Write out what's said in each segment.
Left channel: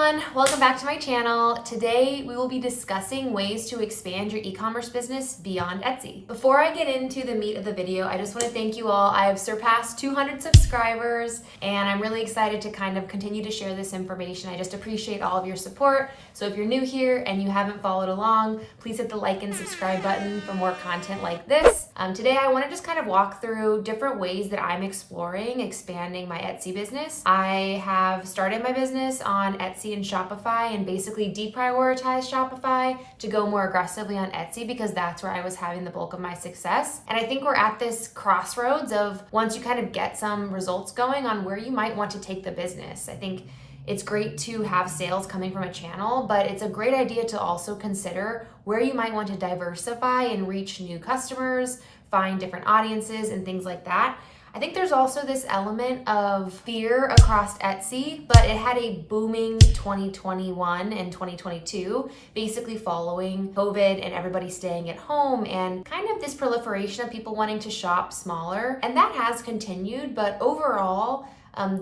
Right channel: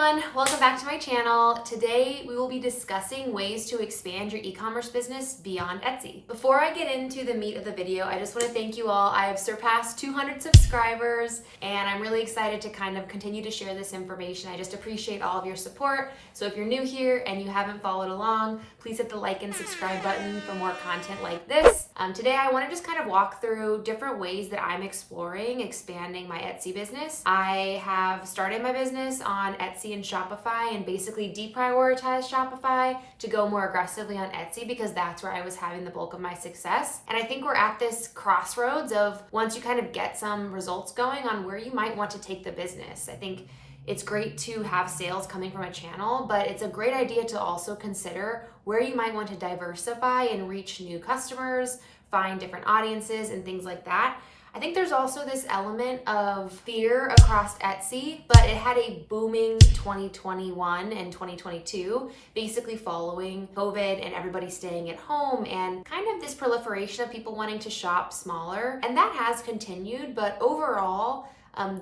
everyone, welcome back to my channel. Today we will be discussing ways to expand your e-commerce business beyond Etsy. Before I get into the meat of the video, I just want to thank you all. I have surpassed 200 subscribers and I'm really excited to kind of continue to share this information. I just appreciate all of your support. So if you're new here and you haven't followed along, please hit the like and subscribe button for more content like this. Today I want to just kind of walk through different ways that I'm exploring expanding my Etsy business. I have started my business on Etsy and Shopify and basically deprioritized Shopify to go more aggressively on Etsy because that's where I was having the bulk of my success. And I think we're at this crossroads of once you kind of get some results going on where you might want to take the business. I think it's great to have sales coming from a channel, but it's a great idea to also consider where you might want to diversify and reach new customers, find different audiences and things like that. I think there's also this element of fear across Etsy, but it had a booming 2021 and 2022, basically following COVID and everybody staying at home and kind of this proliferation of people wanting to shop smaller. And that has continued, but overall,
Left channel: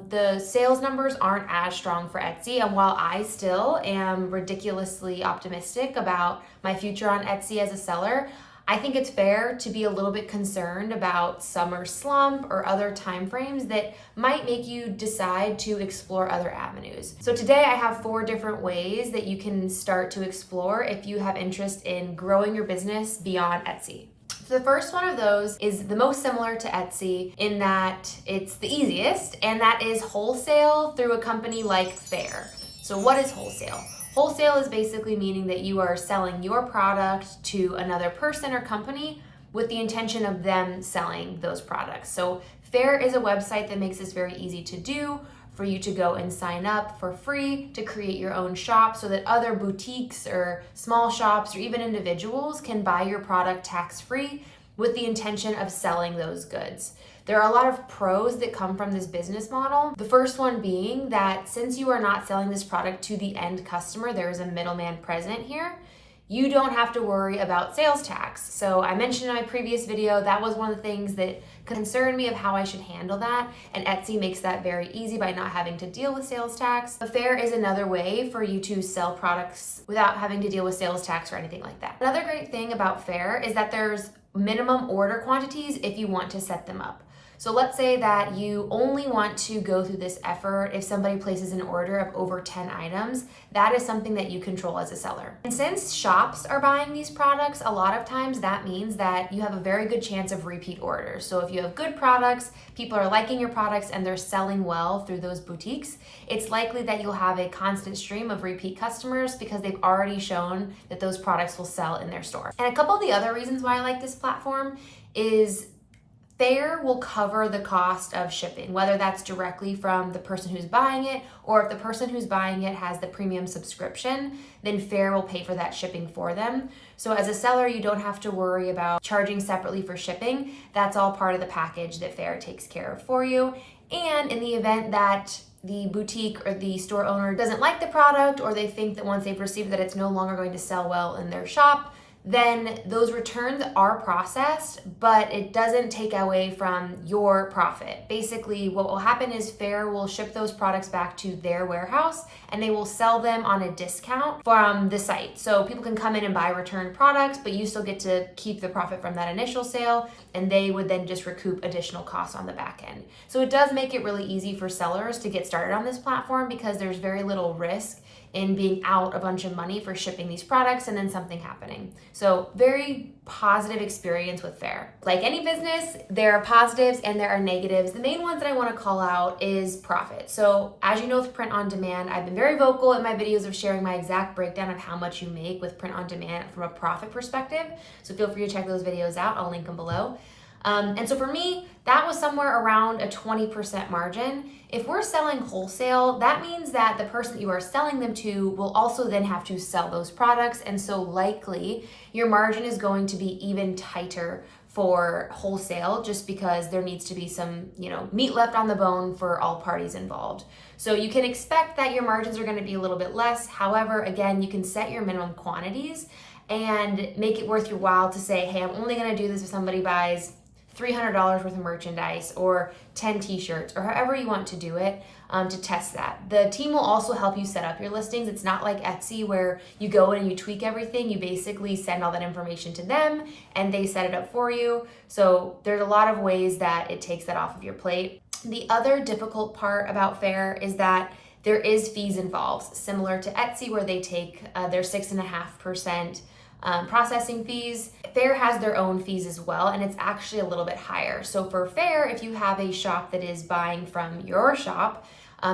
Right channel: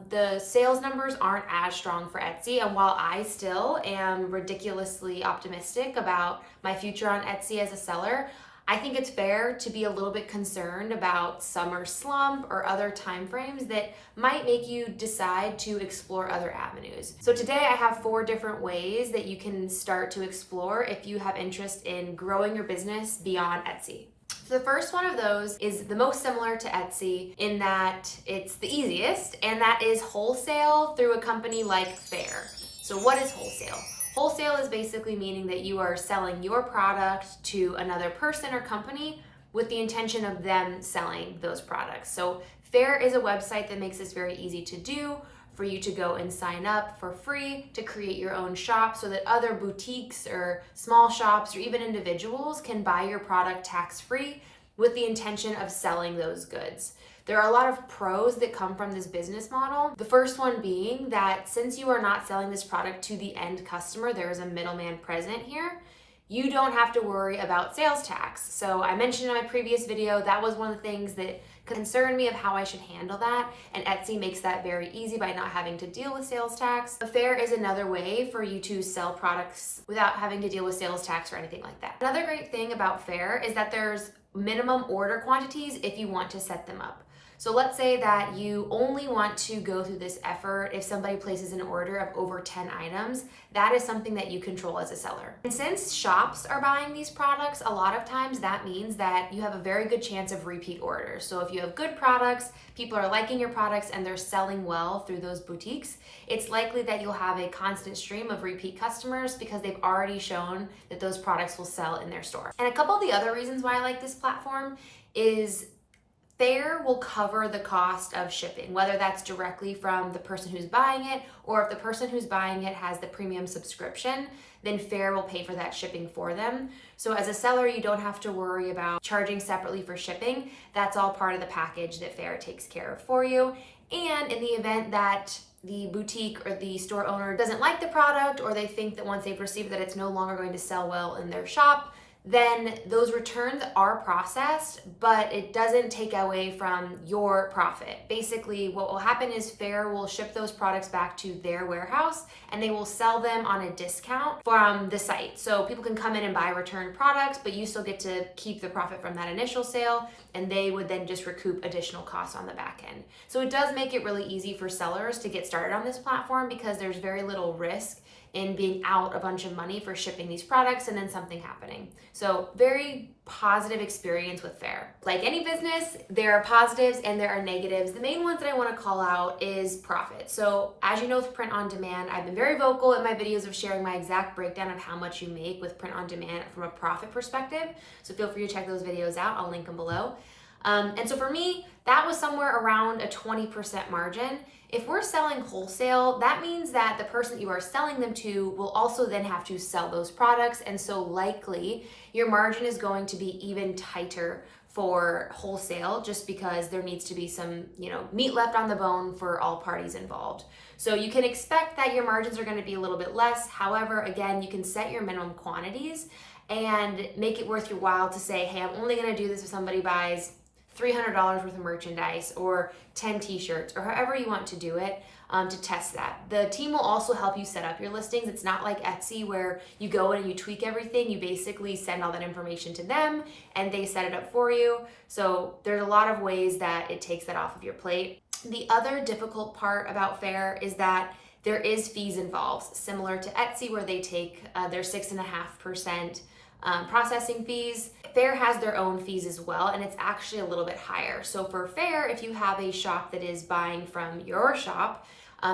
the sales numbers aren't as strong for Etsy. And while I still am ridiculously optimistic about my future on Etsy as a seller, I think it's fair to be a little bit concerned about summer slump or other timeframes that might make you decide to explore other avenues. So today I have 4 different ways that you can start to explore if you have interest in growing your business beyond Etsy. So the first one of those is the most similar to Etsy in that it's the easiest, and that is wholesale through a company like Faire. So what is wholesale? Wholesale is basically meaning that you are selling your product to another person or company with the intention of them selling those products. So Faire is a website that makes this very easy to do for you to go and sign up for free to create your own shop so that other boutiques or small shops or even individuals can buy your product tax-free with the intention of selling those goods. There are a lot of pros that come from this business model. The first one being that since you are not selling this product to the end customer, there is a middleman present here. You don't have to worry about sales tax. So I mentioned in my previous video, that was one of the things that concerned me of how I should handle that. And Etsy makes that very easy by not having to deal with sales tax. Faire is another way for you to sell products without having to deal with sales tax or anything like that. Another great thing about Faire is that there's minimum order quantities if you want to set them up. So let's say that you only want to go through this effort if somebody places an order of over 10 items. That is something that you control as a seller. And since shops are buying these products, a lot of times that means that you have a very good chance of repeat orders. So if you have good products, people are liking your products and they're selling well through those boutiques, it's likely that you'll have a constant stream of repeat customers because they've already shown that those products will sell in their store. And a couple of the other reasons why I like this platform is Faire will cover the cost of shipping, whether that's directly from the person who's buying it, or if the person who's buying it has the premium subscription, then Faire will pay for that shipping for them. So as a seller, you don't have to worry about charging separately for shipping. That's all part of the package that Faire takes care of for you. And in the event that the boutique or the store owner doesn't like the product, or they think that once they've received that it's no longer going to sell well in their shop, then those returns are processed, but it doesn't take away from your profit. Basically, what will happen is Faire will ship those products back to their warehouse and they will sell them on a discount from the site. So people can come in and buy returned products, but you still get to keep the profit from that initial sale, and they would then just recoup additional costs on the back end. So it does make it really easy for sellers to get started on this platform because there's very little risk in being out a bunch of money for shipping these products and then something happening. So very positive experience with Faire. Like any business, there are positives and there are negatives. The main ones that I want to call out is profit. So as you know, with print on demand, I've been very vocal in my videos of sharing my exact breakdown of how much you make with print on demand from a profit perspective. So feel free to check those videos out. I'll link them below. And so for me, that was somewhere around a 20% margin. If we're selling wholesale, that means that the person that you are selling them to will also then have to sell those products. And so likely your margin is going to be even tighter for wholesale just because there needs to be some, meat left on the bone for all parties involved. So you can expect that your margins are going to be a little bit less. However, again, you can set your minimum quantities and make it worth your while to say, hey, I'm only going to do this if somebody buys $300 worth of merchandise or 10 t-shirts or however you want to do it. to test that. The team will also help you set up your listings. It's not like Etsy where you go in and you tweak everything. You basically send all that information to them and they set it up for you. So there's a lot of ways that it takes that off of your plate. The other difficult part about Faire is that there is fees involved, similar to Etsy where they take their 6.5% processing fees. Faire has their own fees as well, and it's actually a little bit higher. So for Faire, if you have a shop that is buying from your shop,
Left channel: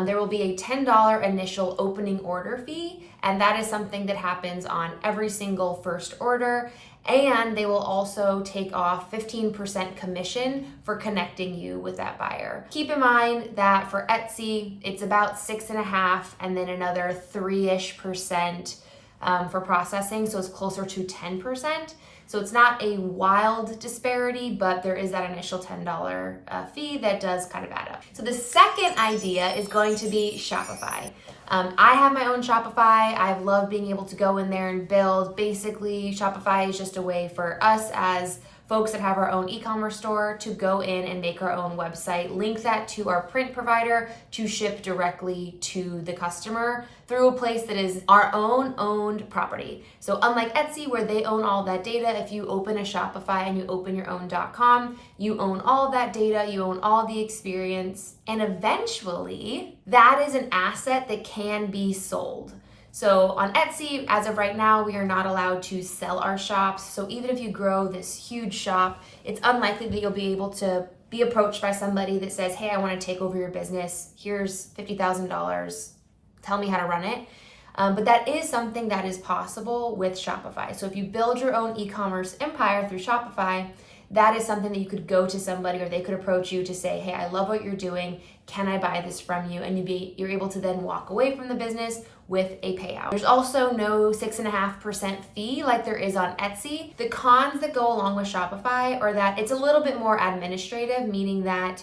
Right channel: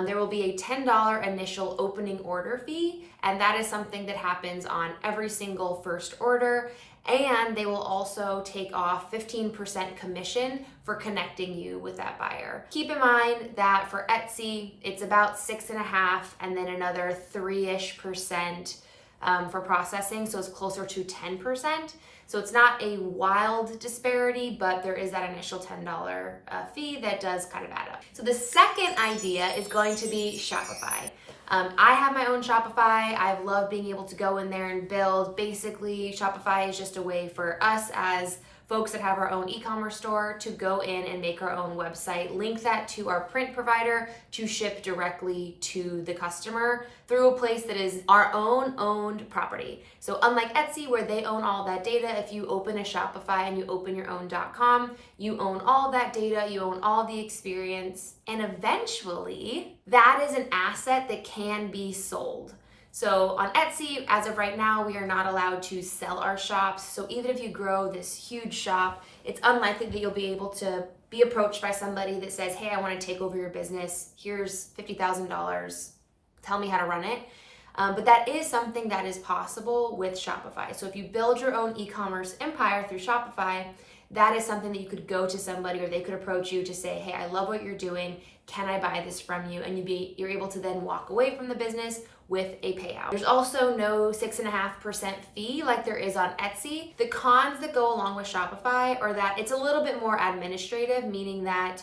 there will be a $10 initial opening order fee, and that is something that happens on every single first order. And they will also take off 15% commission for connecting you with that buyer. Keep in mind that for Etsy, it's about 6.5% and then another 3-ish% for processing, so it's closer to 10%. So it's not a wild disparity, but there is that initial $10 fee that does kind of add up. So the second idea is going to be Shopify. I have my own Shopify. I've loved being able to go in there and build. Basically, Shopify is just a way for us as folks that have our own e-commerce store to go in and make our own website, link that to our print provider to ship directly to the customer through a place that is our own owned property. So unlike Etsy where they own all that data, if you open a Shopify and you open your own .com, you own all of that data, you own all the experience, and eventually that is an asset that can be sold. So on Etsy, as of right now, we are not allowed to sell our shops. So even if you grow this huge shop, it's unlikely that you'll be able to be approached by somebody that says, hey, I want to take over your business. Here's $50,000. Tell me how to run it. But that is something that is possible with Shopify. So if you build your own e-commerce empire through Shopify, that is something that you could go to somebody or they could approach you to say, hey, I love what you're doing. Can I buy this from you? And you're able to then walk away from the business with a payout. There's also no 6.5% fee like there is on Etsy. The cons that go along with Shopify are that it's a little bit more administrative, meaning that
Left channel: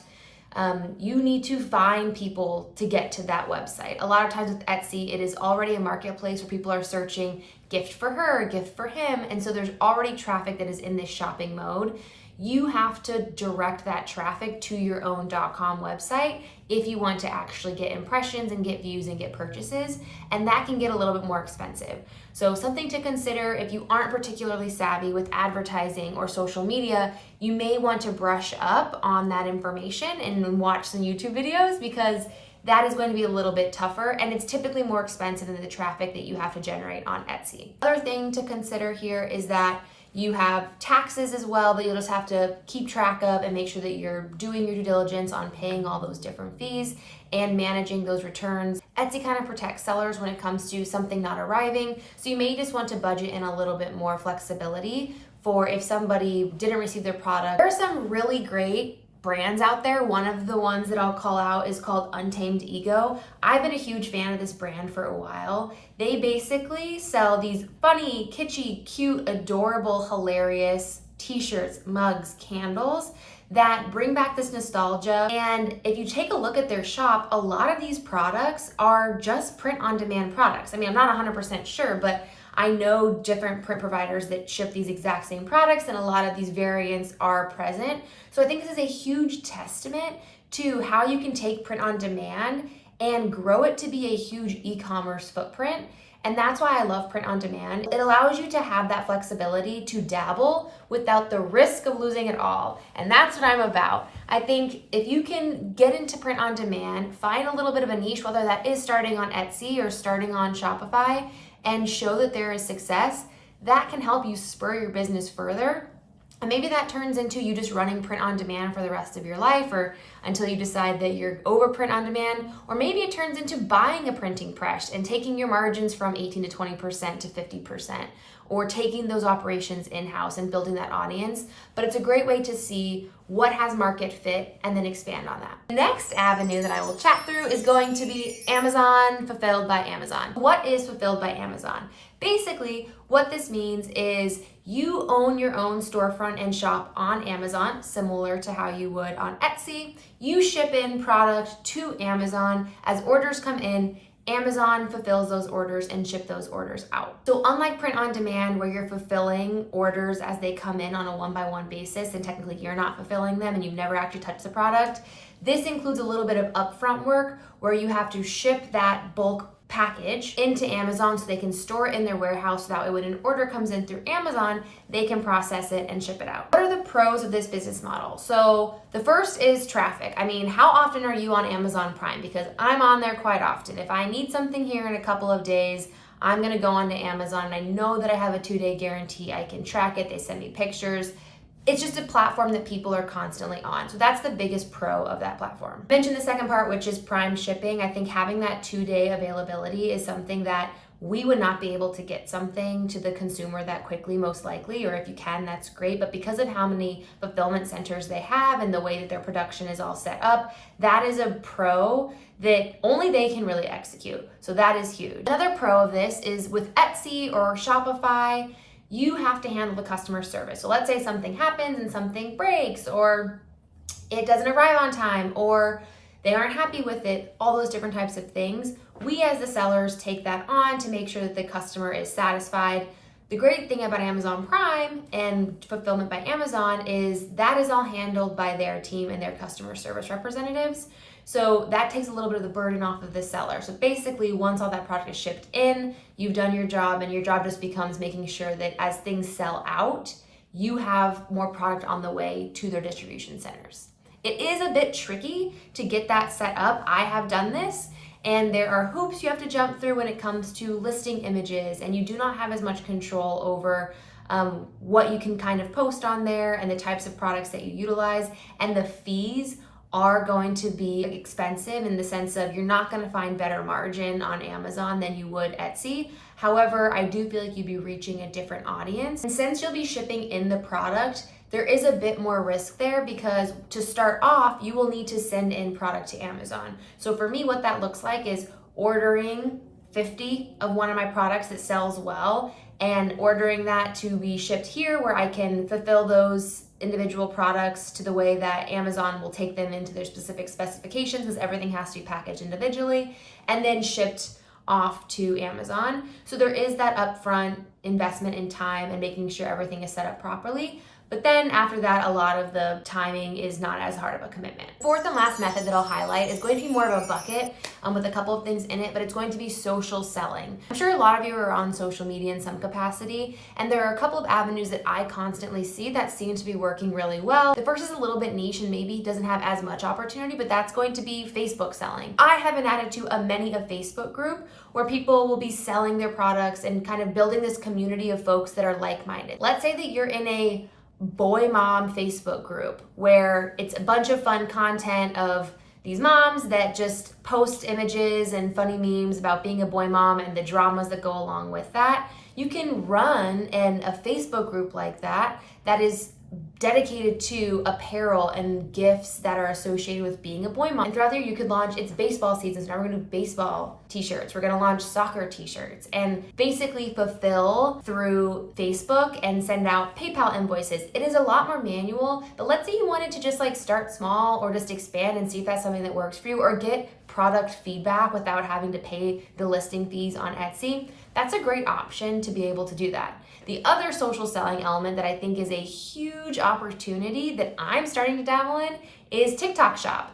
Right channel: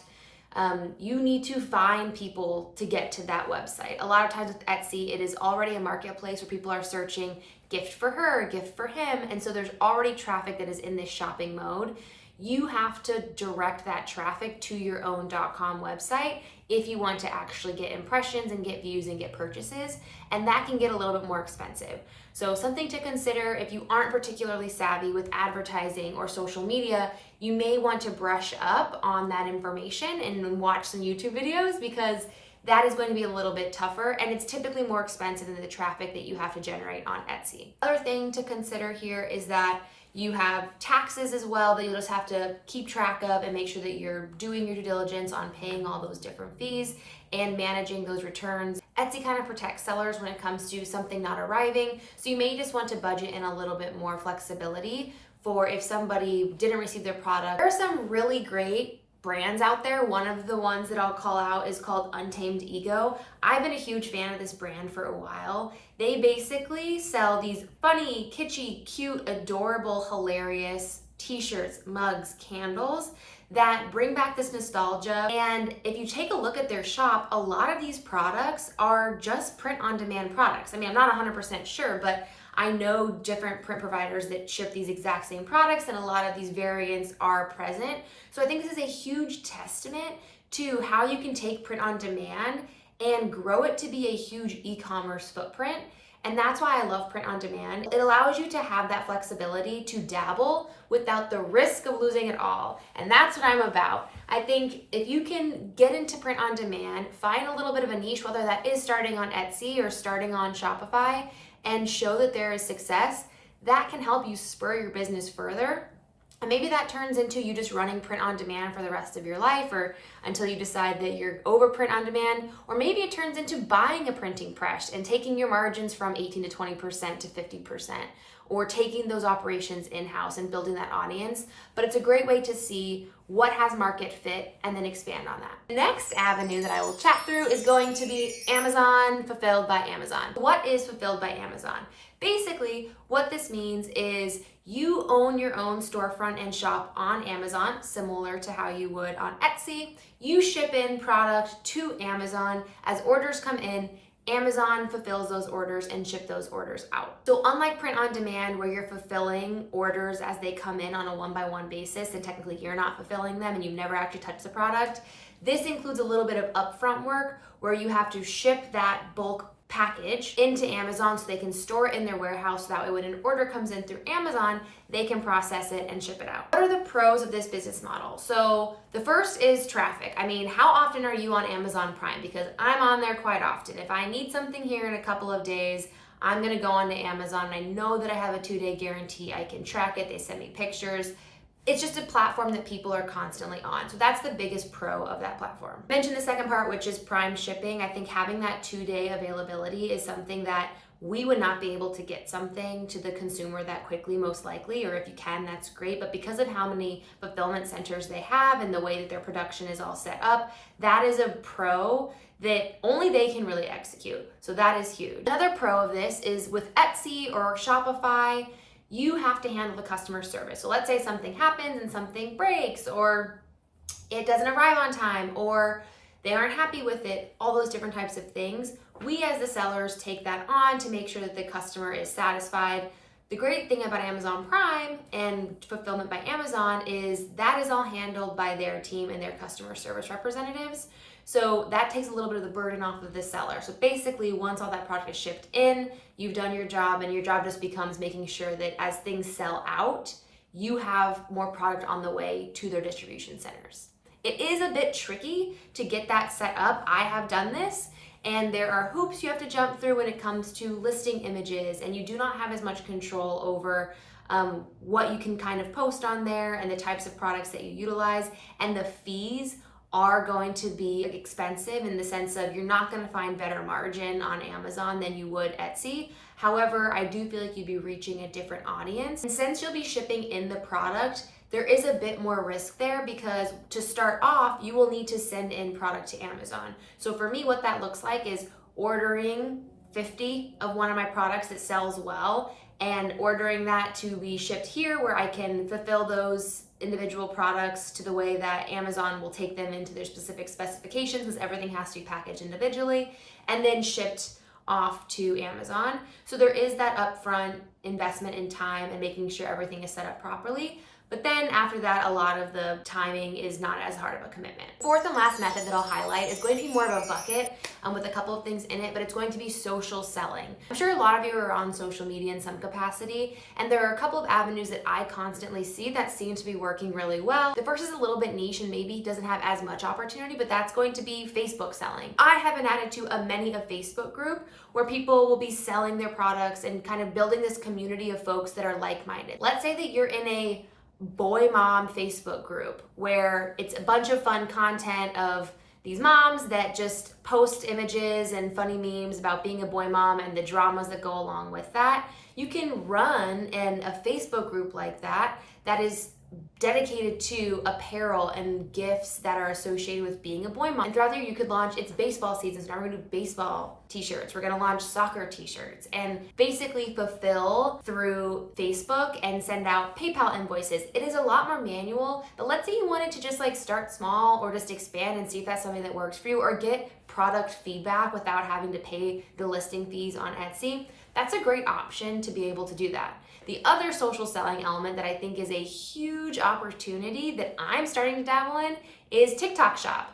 you need to find people to get to that website. A lot of times with Etsy, it is already a marketplace where people are searching gift for her, gift for him. And so there's already traffic that is in this shopping mode. You have to direct that traffic to your own .com website if you want to actually get impressions and get views and get purchases, and that can get a little bit more expensive. So something to consider if you aren't particularly savvy with advertising or social media, you may want to brush up on that information and watch some YouTube videos because that is going to be a little bit tougher and it's typically more expensive than the traffic that you have to generate on Etsy. Other thing to consider here is that you have taxes as well that you'll just have to keep track of and make sure that you're doing your due diligence on paying all those different fees and managing those returns. Etsy kind of protects sellers when it comes to something not arriving, so you may just want to budget in a little bit more flexibility for if somebody didn't receive their product. There are some really great brands out there. One of the ones that I'll call out is called Untamed Ego. I've been a huge fan of this brand for a while. They basically sell these funny, kitschy, cute, adorable, hilarious t-shirts, mugs, candles that bring back this nostalgia. And if you take a look at their shop, a lot of these products are just print-on-demand products. I mean, I'm not 100% sure, but I know different print providers that ship these exact same products and a lot of these variants are present. So I think this is a huge testament to how you can take print on demand and grow it to be a huge e-commerce footprint. And that's why I love print on demand. It allows you to have that flexibility to dabble without the risk of losing it all. And that's what I'm about. I think if you can get into print on demand, find a little bit of a niche, whether that is starting on Etsy or starting on Shopify, and show that there is success, that can help you spur your business further. And maybe that turns into you just running print on demand for the rest of your life or until you decide that you're over print on demand. Or maybe it turns into buying a printing press and taking your margins from 18 to 20% to 50%, or taking those operations in-house and building that audience. But it's a great way to see what has market fit and then expand on that. The next avenue that I will chat through is going to be Amazon Fulfilled by Amazon. What is Fulfilled by Amazon? Basically, what this means is you own your own storefront and shop on Amazon, similar to how you would on Etsy. You ship in product to Amazon. As orders come in, Amazon fulfills those orders and ship those orders out. So unlike print on demand where you're fulfilling orders as they come in on a one-by-one basis and technically you're not fulfilling them and you've never actually touched the product, This includes a little bit of upfront work where you have to ship that bulk package into Amazon so they can store it in their warehouse, so that way when an order comes in through Amazon, they can process it and ship it out. What are the pros of this business model? So the first is traffic. I mean, how often are you on Amazon Prime? Because I'm on there quite often. If I need something here in a couple of days, I'm gonna go onto Amazon and I know that I have a 2-day guarantee. I can track it, they send me pictures. It's just a platform that people are constantly on. So that's the biggest pro of that platform. I mentioned the second part, which is Prime shipping. I think having that 2-day availability is something that we would not be able to get something to the consumer that quickly, most likely, or if you can, that's great. But because of how many fulfillment centers they have and the way that their production is all set up, that is a pro that only they can really execute. So that is huge. Another pro of this is with Etsy or Shopify, you have to handle the customer service. So let's say something happens and something breaks, or it doesn't arrive on time, or they aren't happy with it, all those different types of things. We as the sellers take that on to make sure that the customer is satisfied. The great thing about Amazon Prime and Fulfillment by Amazon is that is all handled by their team and their customer service representatives. So that takes a little bit of the burden off of the seller. So basically, once all that product is shipped in, you've done your job, and your job just becomes making sure that as things sell out, you have more product on the way to their distribution centers. It is a bit tricky to get that set up. I have done this, and there are hoops you have to jump through when it comes to listing images, and you do not have as much control over what you can kind of post on there and the types of products that you utilize, and the fees are going to be expensive in the sense of you're not going to find better margin on Amazon than you would Etsy. However, I do feel like you'd be reaching a different audience. And since you'll be shipping in the product, there is a bit more risk there because to start off, you will need to send in product to Amazon. So for me, what that looks like is ordering 50 of one of my products that sells well and ordering that to be shipped here where I can fulfill those individual products to the way that Amazon will take them into their specific specifications, because everything has to be packaged individually and then shipped off to Amazon. So there is that upfront investment in time and making sure everything is set up properly. But then after that, a lot of the timing is not as hard of a commitment. Fourth and last method that I'll highlight is going to be more of a bucket with a couple of things in it, but it's going to be social selling. I'm sure a lot of you are on social media in some capacity, and there are a couple of avenues that I constantly see that seem to be working really well. The first is a little bit niche and maybe doesn't have as much opportunity, but that's going to be Facebook selling. I have been added to a many a Facebook group where people will be selling their products and kind of building this community of folks that are like-minded. Let's say that you're in a boy mom Facebook group where it's a bunch of fun content of these moms that just post images and funny memes about being a boy mom and the dramas that go along with that. You can run in a Facebook group like that that is dedicated to apparel and gifts that are associated with being a boy mom. And throughout the year, you could launch, it's baseball season, so now we're gonna do baseball t-shirts. We're gonna launch soccer t-shirts and basically fulfill through Facebook and send out PayPal invoices. It is a lot more manual, but let's say you wanted to just like start small or just expand and see if that's something that works for you, or get product feedback without having to pay the listing fees on Etsy. That's a great option to be able to do that. The other social selling element that I think is a huge opportunity that I'm starting to dabble in is TikTok Shop.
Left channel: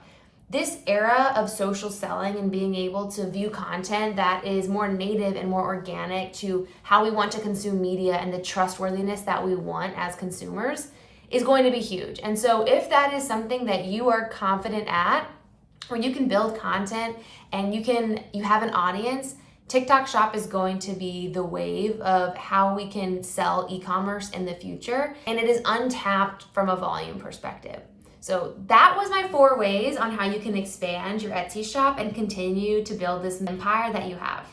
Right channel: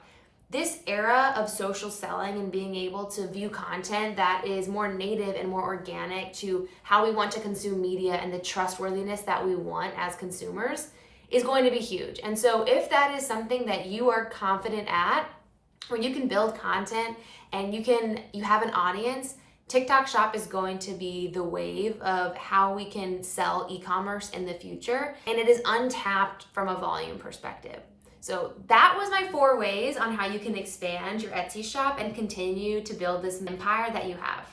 This era of social selling and being able to view content that is more native and more organic to how we want to consume media and the trustworthiness that we want as consumers is going to be huge. And so if that is something that you are confident at, where you can build content and you have an audience, TikTok Shop is going to be the wave of how we can sell e-commerce in the future, and it is untapped from a volume perspective. So that was my 4 ways on how you can expand your Etsy shop and continue to build this empire that you have.